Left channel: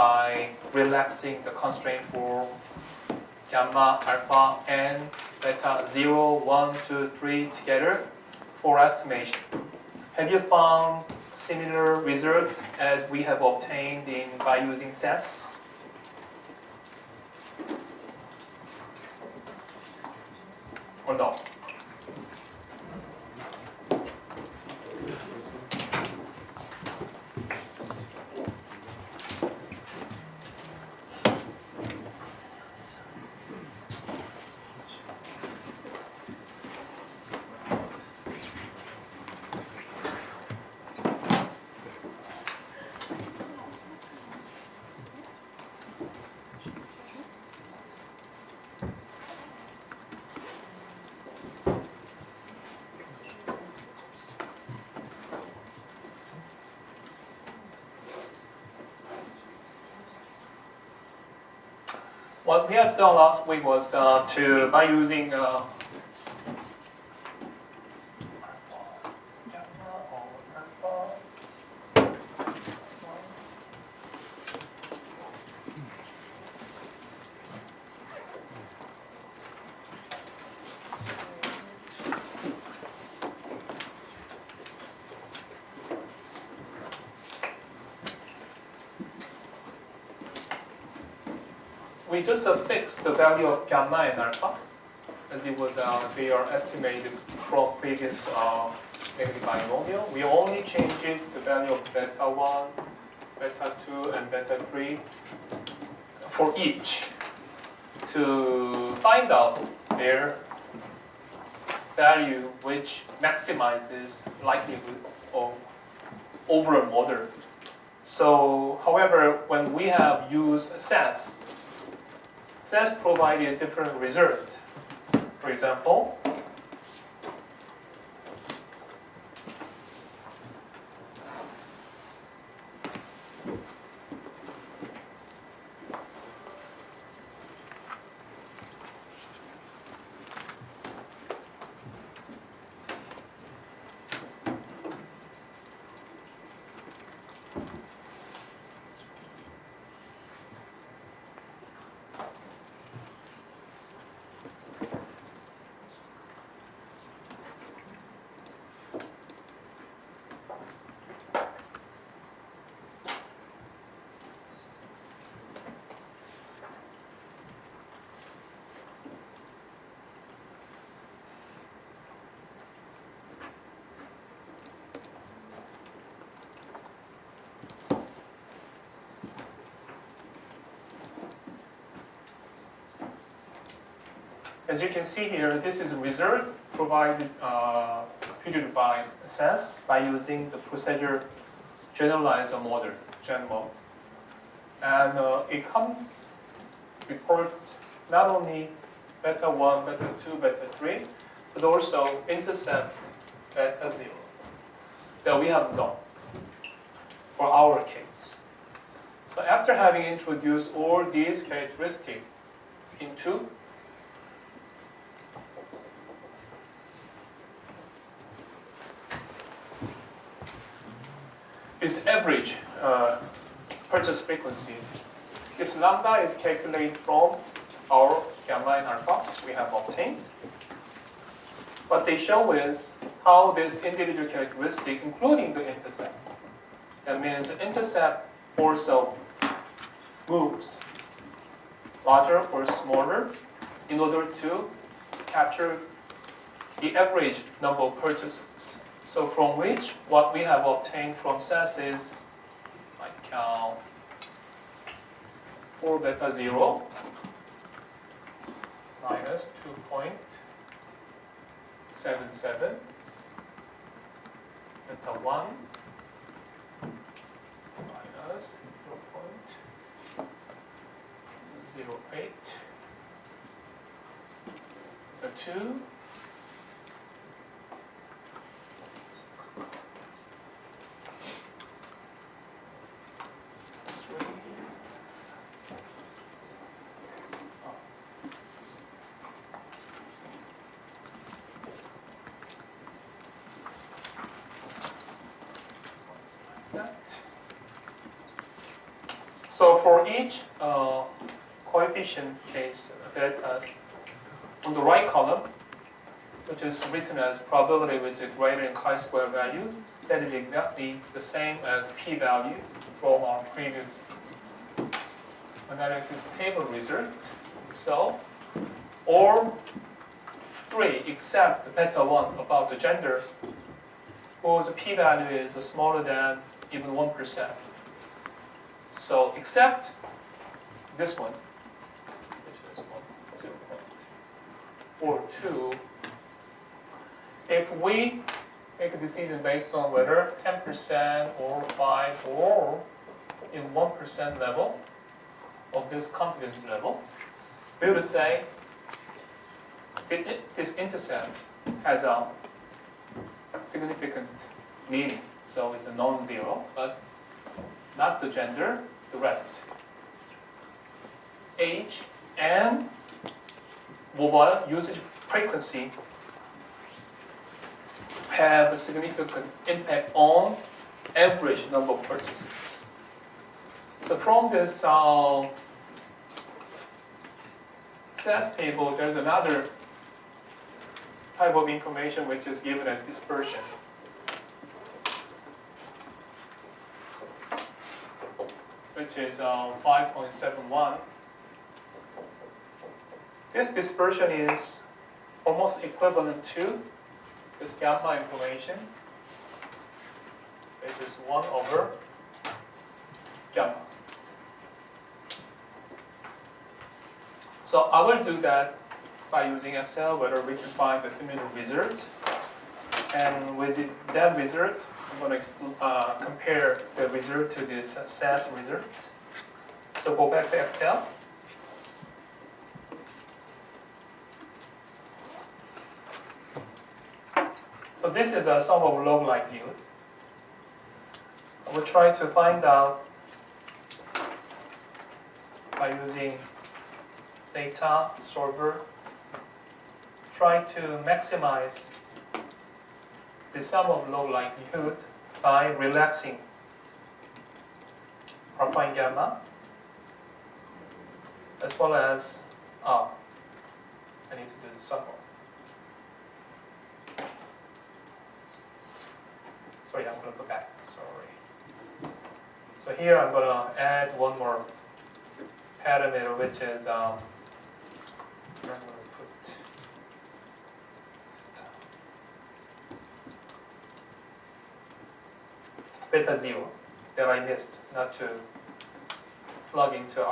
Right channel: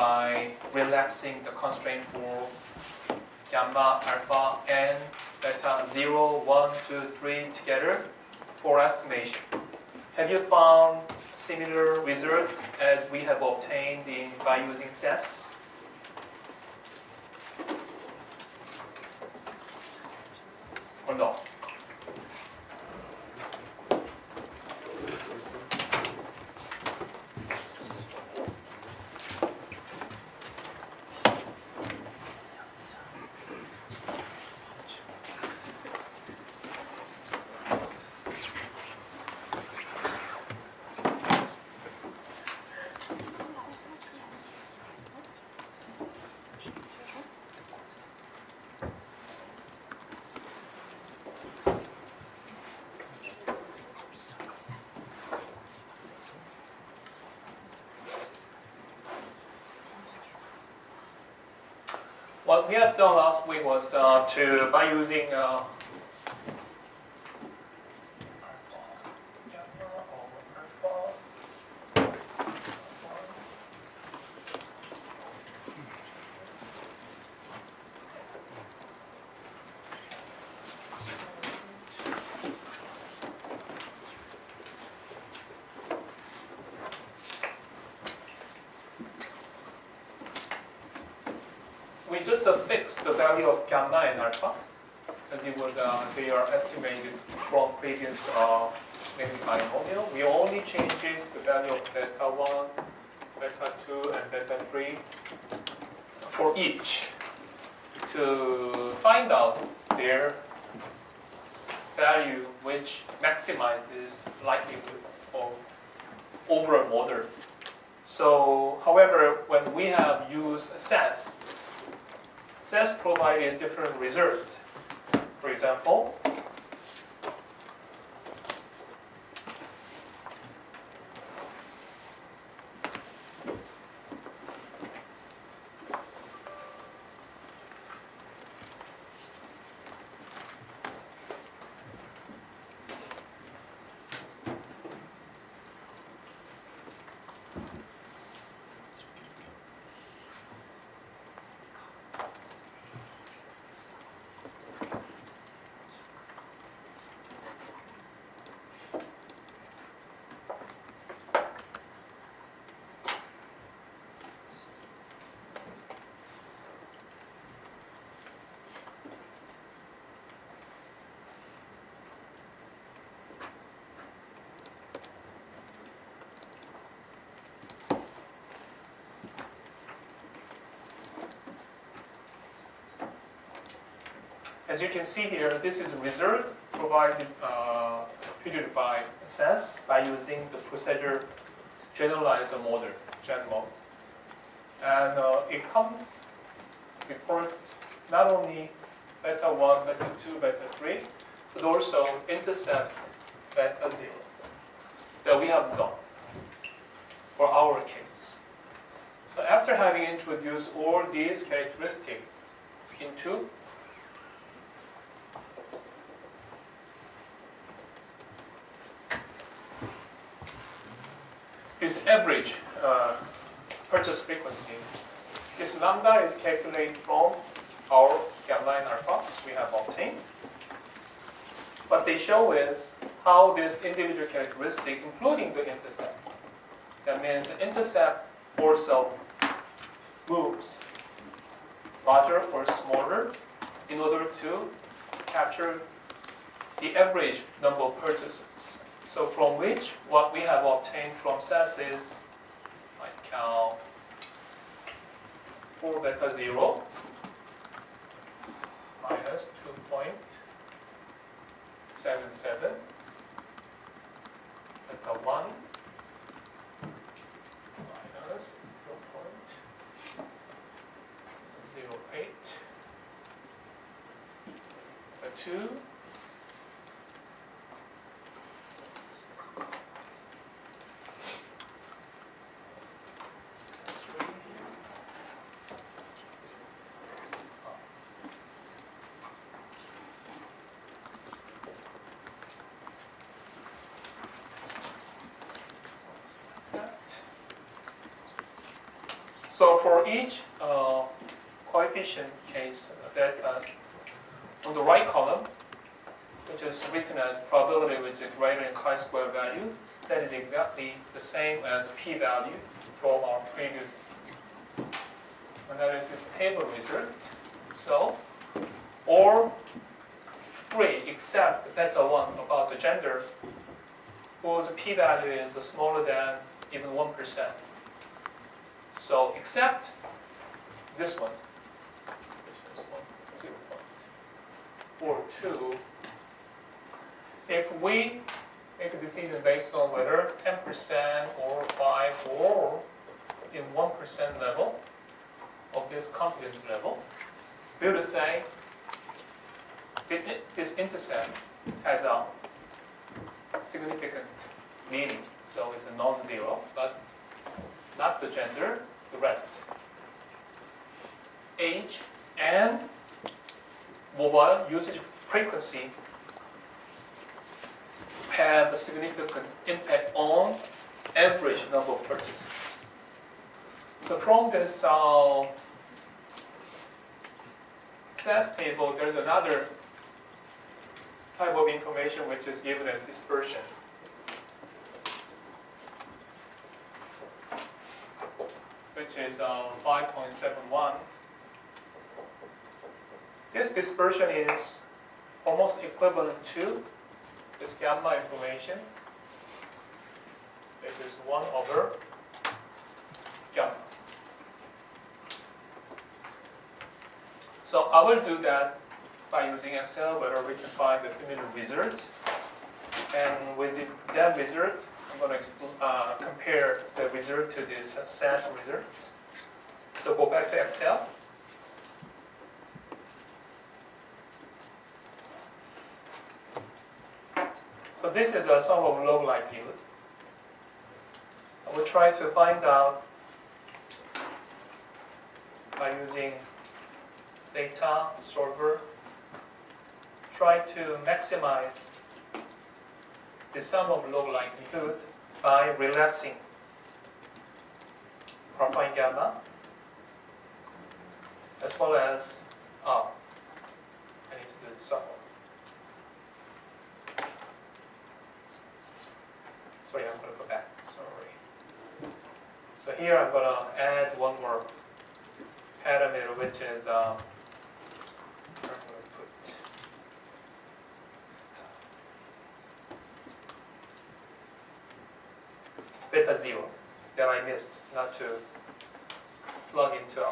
by relaxing the constraint for gamma, alpha, and beta 0, 1, 2, 3 together for estimation. Have you found similar results as we have obtained by using SAS? Or no? What we have done last week was by using we just fixed the value of gamma and alpha, as it was they are estimated from previous negative binomial. We only changed the value of beta 1, beta 2, and beta 3 for each to find out their value, which maximizes likelihood of overall model. So, however, when we have used SAS provided different results. For example, as you can see here, this is a result provided computed by SAS by using the procedure generalizer model, GenMod. And it comes report not only beta 1, beta 2, beta 3, but also intercept beta 0 that we have done for our case. So after having introduced all these characteristics into this average purchase frequency, this lambda is calculated from our gamma and alpha we have obtained. What they show is how this individual characteristic, including the intercept, that means the intercept also moves larger or smaller in order to capture the average number of purchases. So from which what we have obtained from SAS is like 4 beta 0 minus 2.77 beta 1 minus 0.08 beta 2 So So for each coefficient case, betas, on the right column, which is written as probability with a greater than chi-square value, that is exactly the same as p-value from our previous analysis table result. So, all three except the beta 1 about the gender, whose p-value is smaller than even 1%. So, except this one, which is 0.42, if we make a decision based on whether 10% or 5 or in 1% level of this confidence level, we would say this intercept has a significant meaning. So it's a non-zero, but not the gender, the rest. Age and mobile usage frequency have a significant impact on average number of purchases. So from this SAS table, there's another type of information which is given as dispersion. Which is 5.71. This dispersion is almost equivalent to this gamma information, which is 1 over gamma. So I will do that by using Excel, whether we can find a similar result. And with that result, I'm going to compare the result to this SAS results. So go back to Excel. So this is a sum of log likelihood. I will try to find out by using data solver. Try to maximize the sum of log likelihood by relaxing alpha and gamma, as well as I need to do the sum. Sorry, I'm going to go back. Sorry. So here I'm going to add one more parameter, which is I'm going to put beta 0 that I missed not to plug into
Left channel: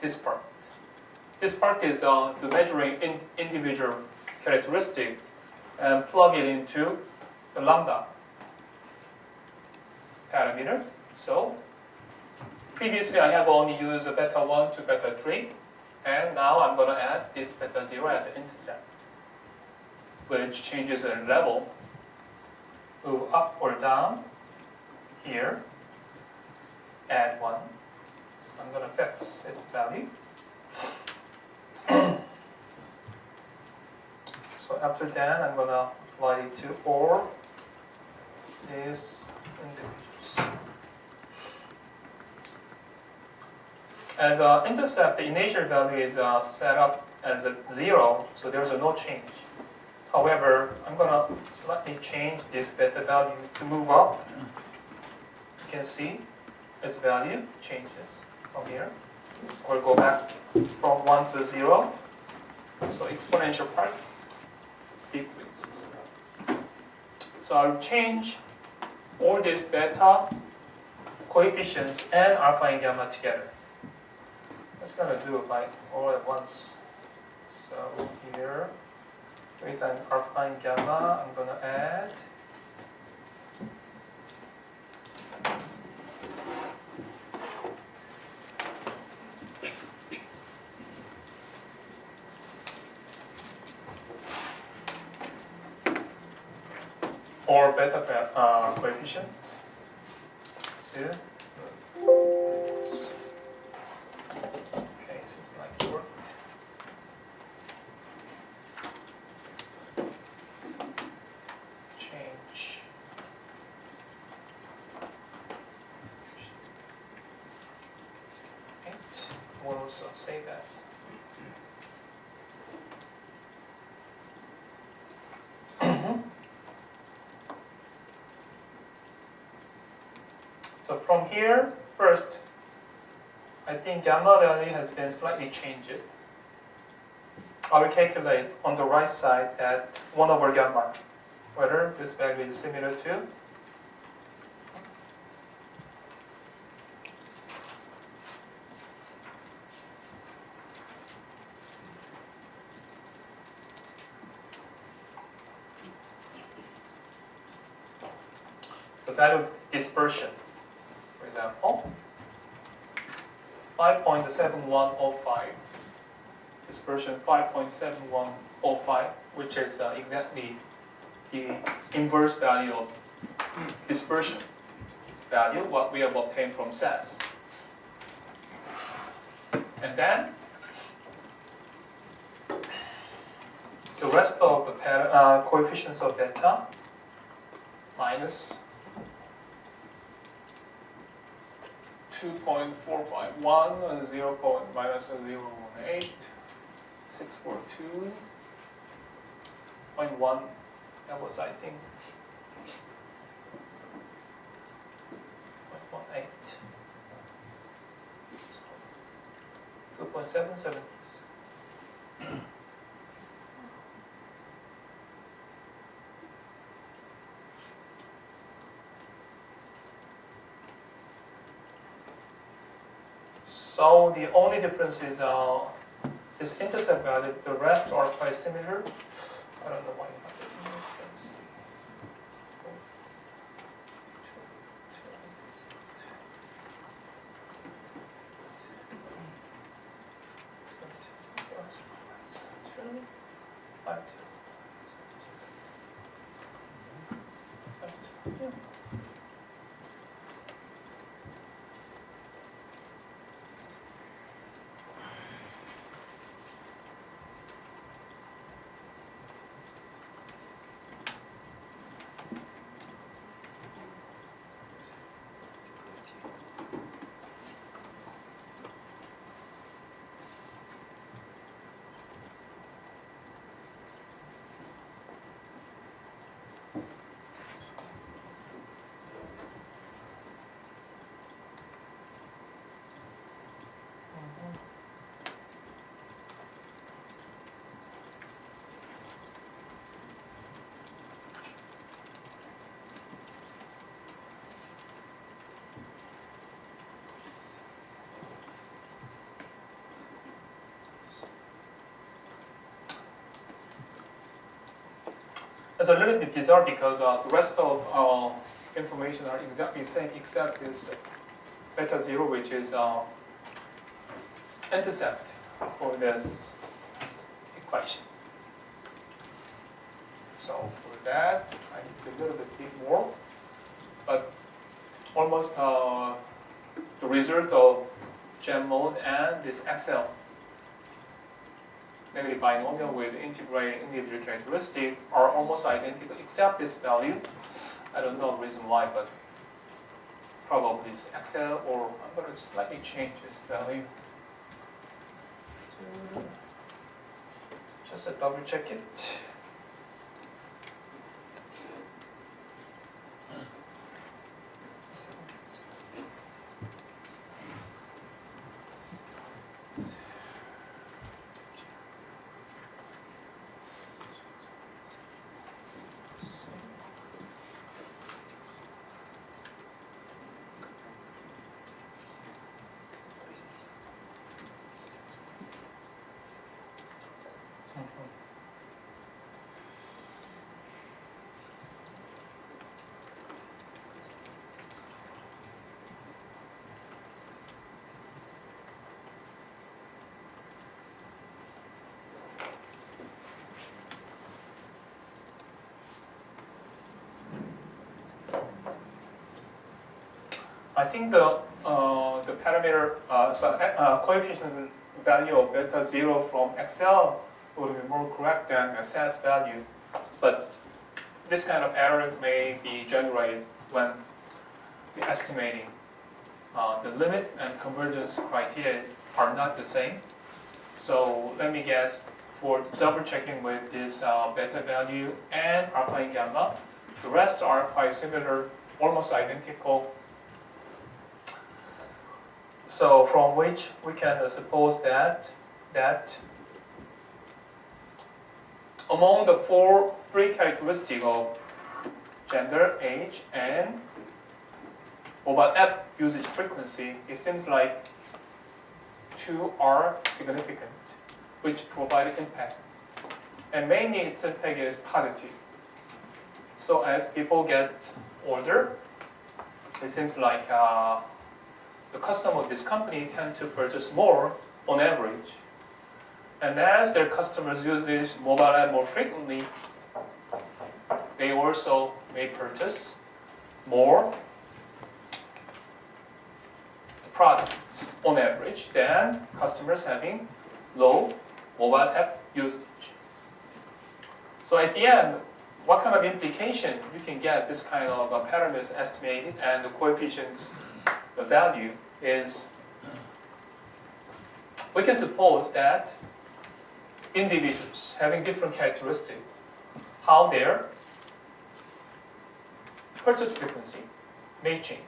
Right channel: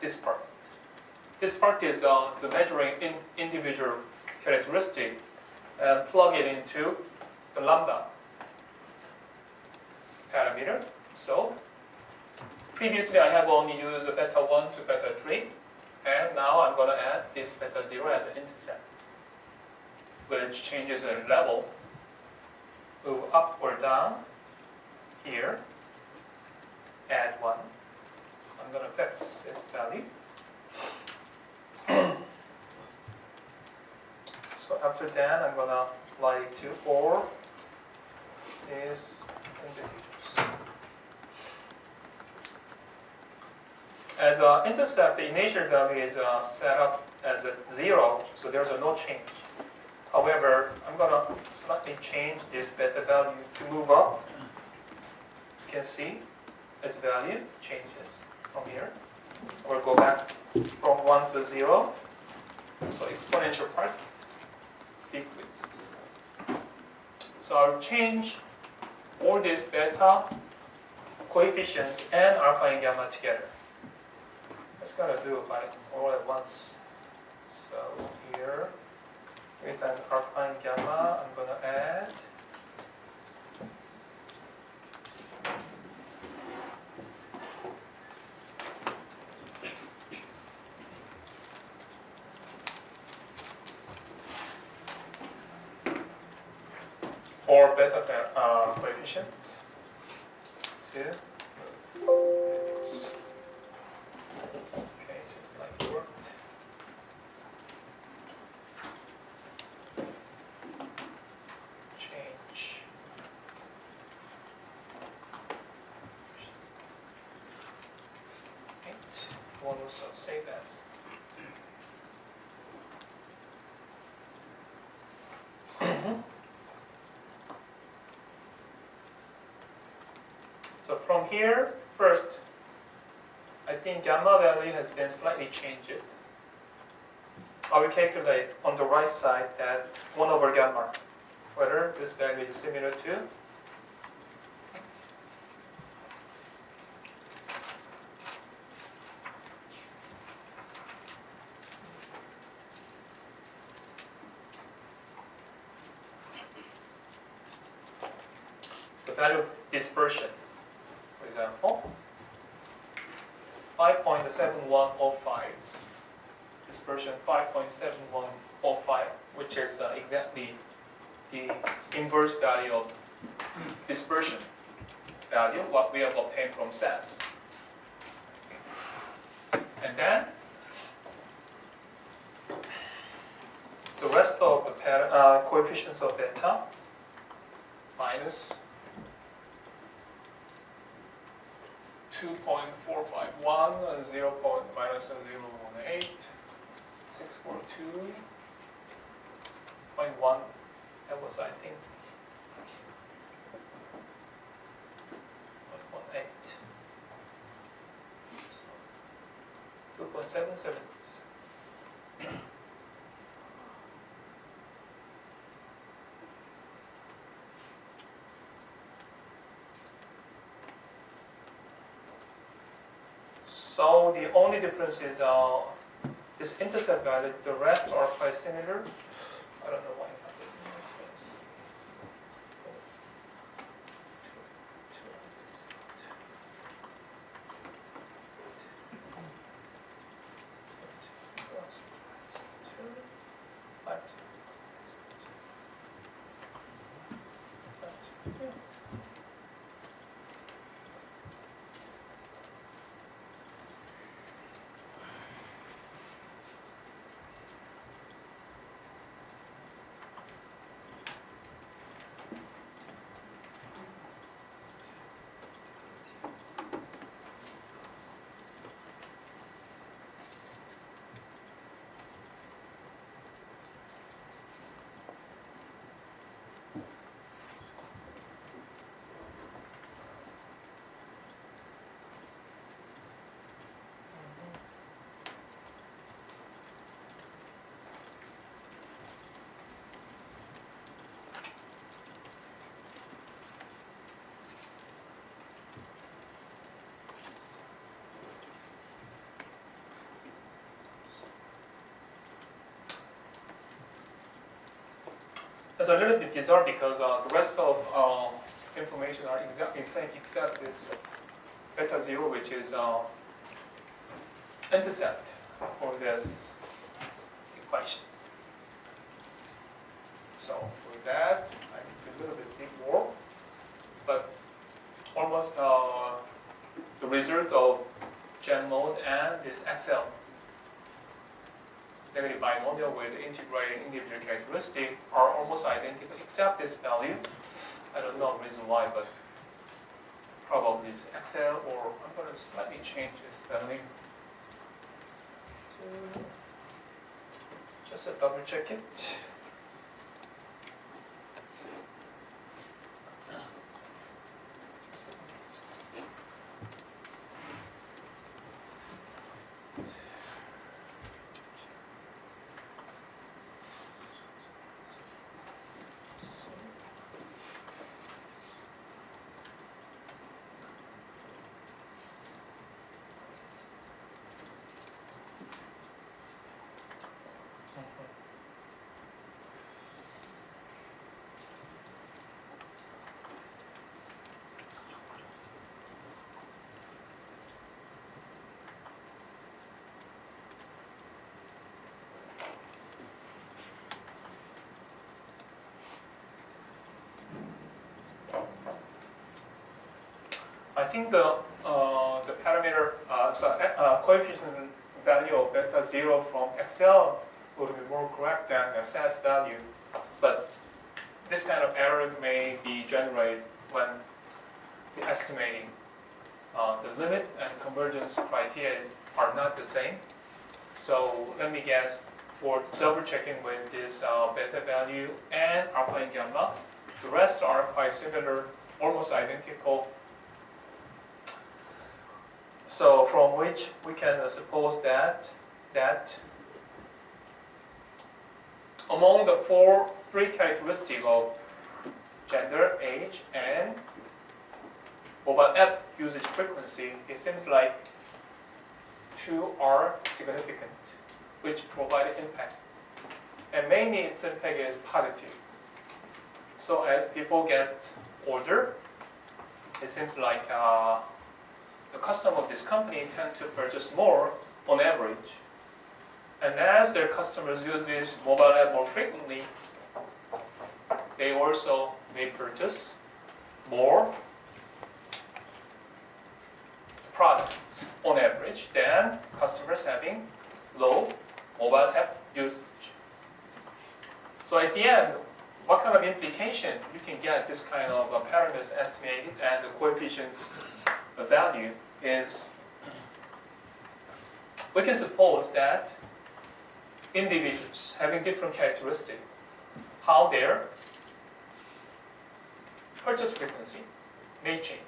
this part. This part is the measuring individual characteristic and plug it into the lambda parameter. So previously I have only used beta 1 to beta 3, and now I'm going to add this beta 0 as an intercept, which changes the level, move up or down here, add 1. So I'm going to fix its value. So after that, I'm going to apply it to all these individuals. As an intercept, the initial value is set up as a 0, so there's no change. However, I'm going to slightly change this beta value to move up. You can see its value changes from here. We'll go back from 1 to 0. So exponential part decreases. So I'll change all these beta coefficients and alpha and gamma together. Let's going to do it by all at once. So here, with an alpha and gamma, I'm going to add or beta coefficients. Yeah. Okay, seems like it worked. Change. will also save as. So from here, first, I think gamma value has been slightly changed. I will calculate on the right side at 1 over gamma, whether this value is similar to the value of dispersion. For example, 5.7105, dispersion 5.7105, which is exactly the inverse value of dispersion value, what we have obtained from SAS. And then the rest of the coefficients of beta minus 2.451 and 0. Minus 0.18, 642.1. That was, I think, 0.18. So 2.77. So the only difference is this intercept value. The rest are quite similar. I don't know why you have to do this. It's a little bit bizarre because the rest of information are exactly the same except this beta 0, which is intercept for this equation. So for that, I need to a little bit dig more, but almost the result of Gen mode and this XL negative binomial with integrated individual characteristic are almost identical except this value. I don't know the reason why, but probably it's XL, or I'm going to slightly change this value. Just to double check it. I think the parameter, coefficient value of beta 0 from XL would be more correct than the SAS value, but this kind of error may be generated when the estimating the limit and convergence criteria are not the same. So let me guess, for double checking with this beta value and alpha and gamma, the rest are quite similar, almost identical. So from which we can suppose that among the three characteristics of gender, age, and mobile app usage frequency, it seems like two are significant, which provide impact. And mainly its impact is positive. So as people get older, it seems like the customers of this company tend to purchase more on average. And as their customers use this mobile app more frequently, they also may purchase more products on average than customers having low mobile app usage. So at the end, what kind of implication you can get this kind of pattern is estimated and the coefficients, the value is, we can suppose that individuals having different characteristics, how their purchase frequency may change.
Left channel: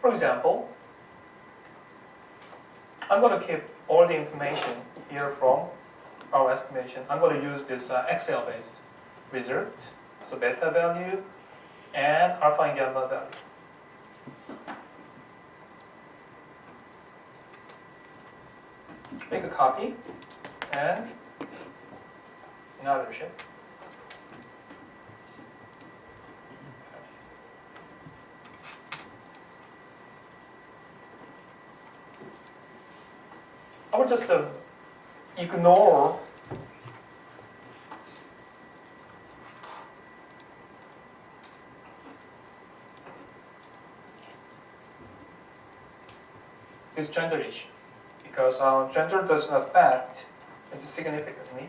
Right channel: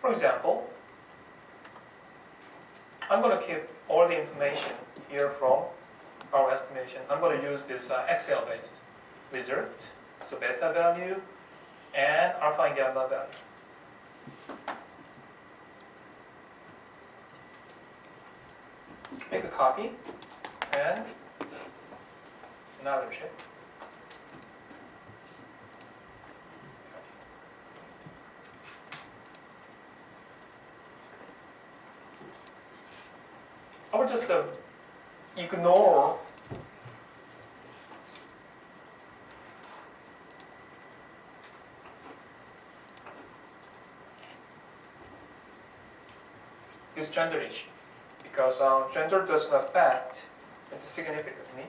For example, I'm going to keep all the information here from our estimation. I'm going to use this Excel-based result, so beta value and alpha and gamma value. Make a copy and another sheet. I will just ignore this gender issue because gender doesn't affect it significantly.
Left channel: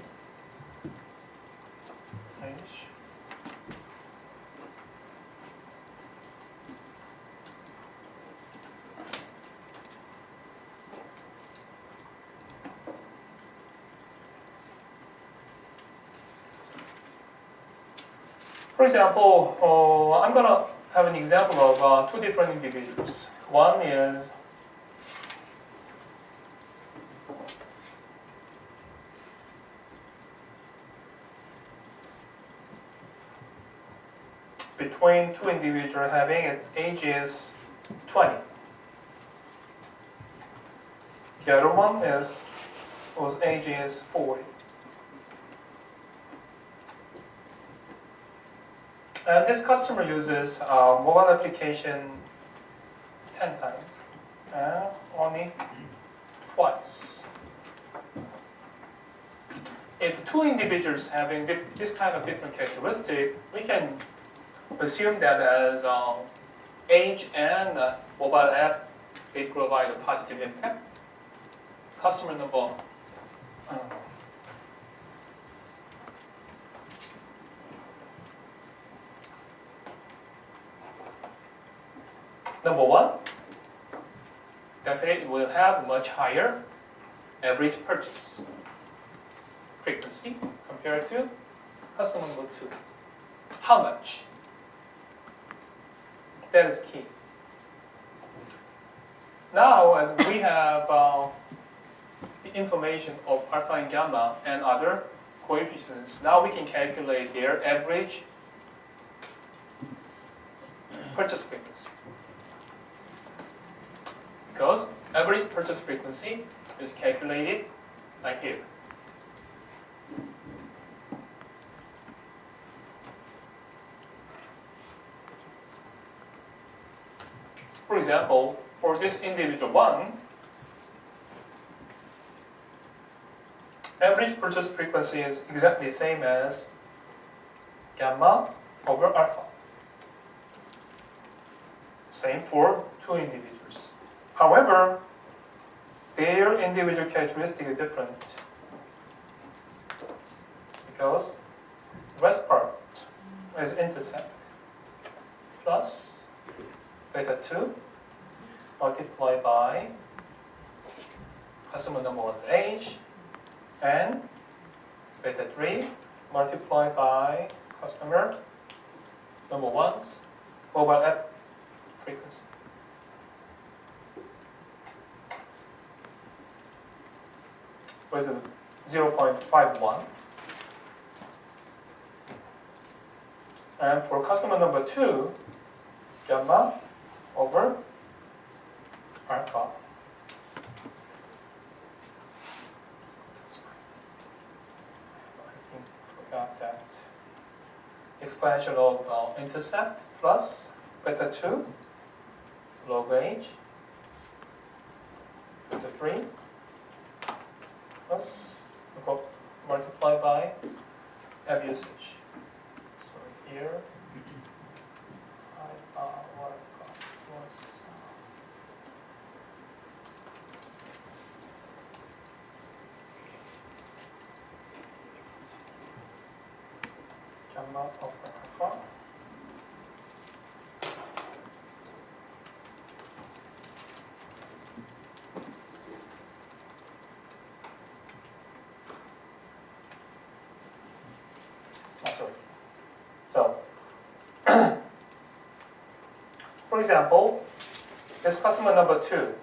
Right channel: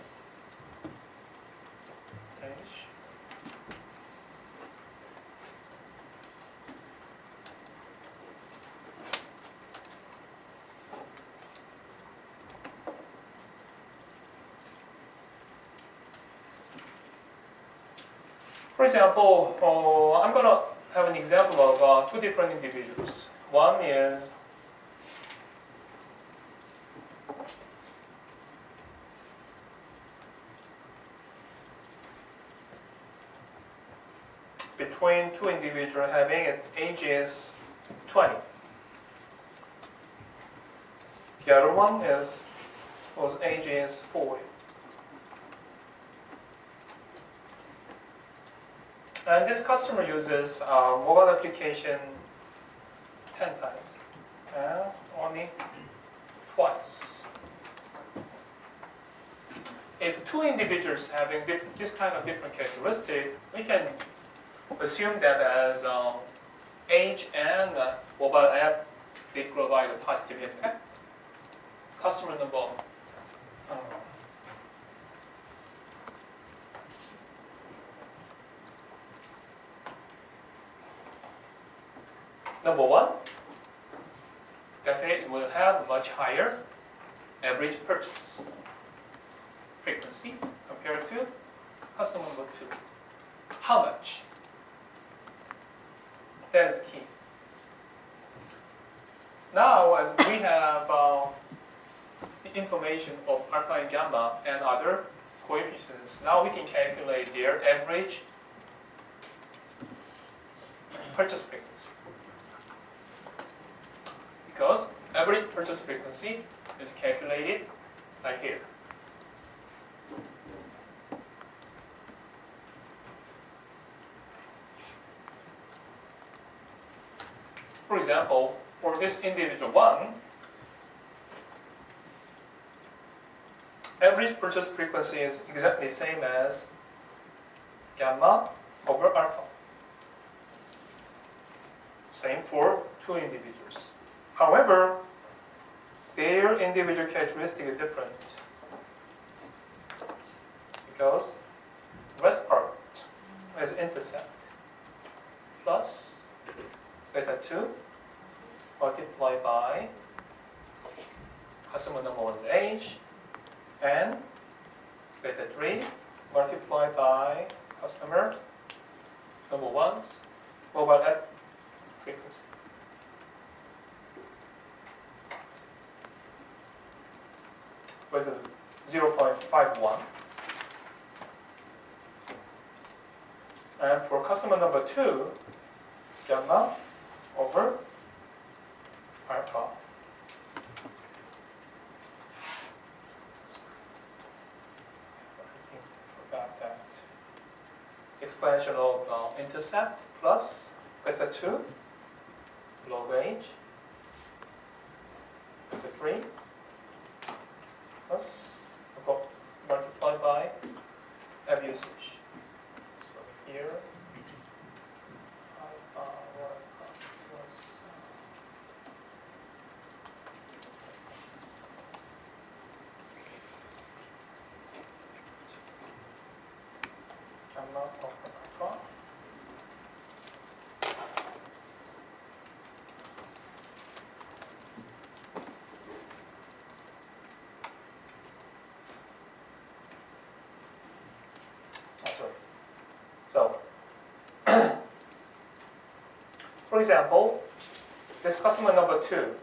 For example, I'm going to have an example of two different individuals. One is between two individuals having its age is 20. The other one is whose age is 40. And this customer uses mobile application 10 times, and only twice. If two individuals having this kind of different characteristic, we can assume that as age and mobile app, they provide a positive impact. Customer number one, definitely will have much higher average purchase frequency compared to customer number two. How much? That is key. Now, as we have the information of alpha and gamma and other coefficients, now we can calculate their average purchase frequency. Because average purchase frequency is calculated like here. For example, for this individual one, average purchase frequency is exactly the same as gamma over alpha. Same for two individuals. However, their individual characteristic is different because west part is intercept plus beta 2 multiplied by customer number 1's age, and beta 3 multiplied by customer number 1's mobile app frequency. Which is 0.51. And for customer number 2, gamma over alpha. I think I forgot that. Expansion of intercept plus beta 2 log age, beta 3 plus multiplied by app usage. So here, what I got was gamma of alpha. So, for example, this customer number 2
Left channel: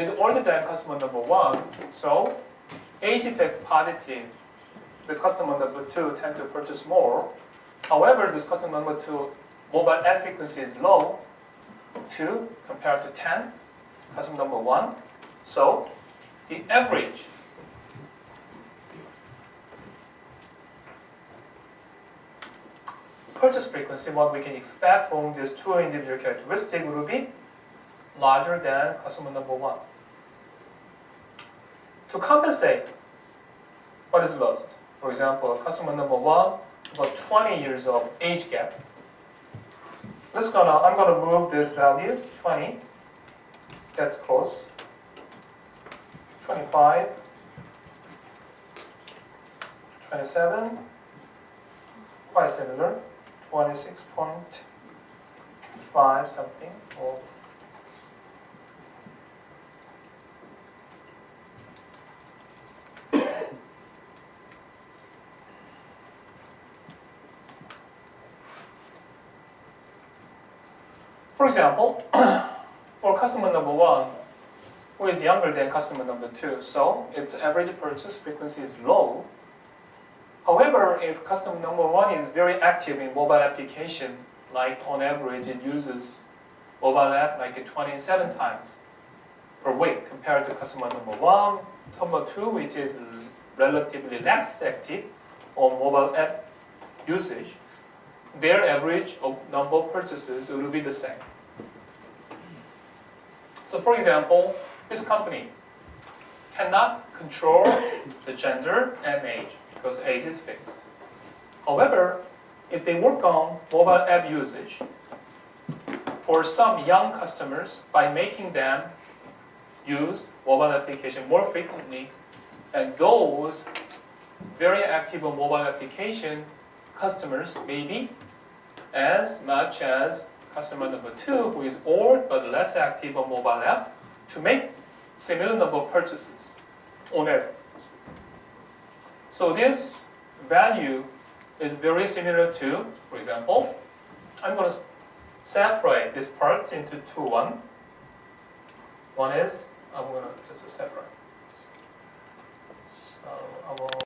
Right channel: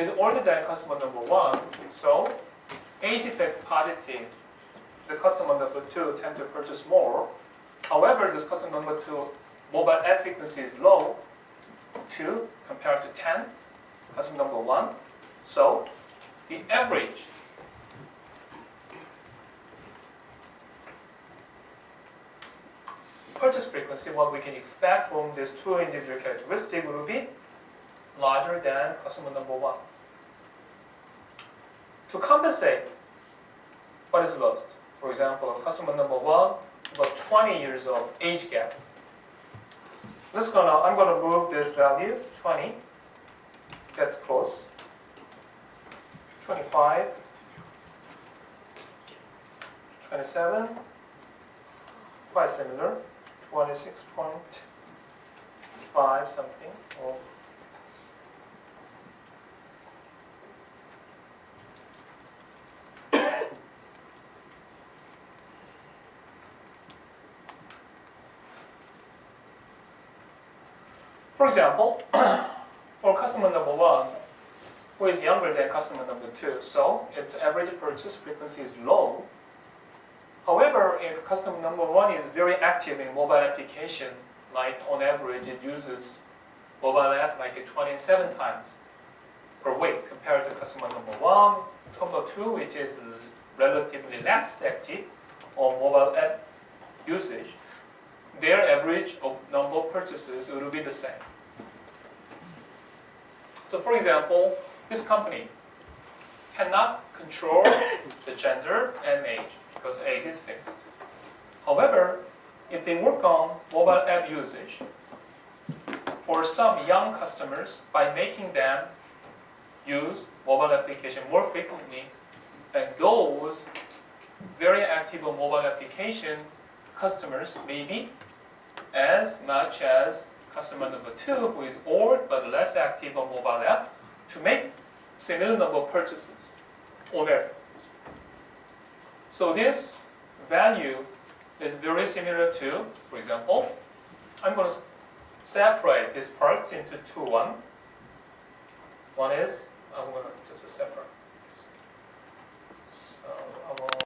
is older than customer number 1, so age effects positive. The customer number 2 tend to purchase more. However, this customer number 2 mobile app frequency is low, 2 compared to 10, customer number 1. So the average purchase frequency, what we can expect from these two individual characteristics, will be larger than customer number 1. To compensate what is lost, for example, customer number 1, about 20 years of age gap. I'm gonna move this value 20. That's close. 25, 27, quite similar, 26.5 something. Or for example, for customer number 1, who is younger than customer number 2, so its average purchase frequency is low. However, if customer number 1 is very active in mobile application, like on average it uses mobile app like 27 times per week compared to customer number 1, number 2, which is relatively less active on mobile app usage, their average number of purchases will be the same. So for example, this company cannot control the gender and age because age is fixed. However, if they work on mobile app usage for some young customers by making them use mobile application more frequently, and those very active on mobile application customers may be as much as customer number 2, who is old but less active on mobile app, to make similar number of purchases on average. So this value is very similar to, for example, I'm going to separate this part into 2, 1. One is, I'm going to just separate.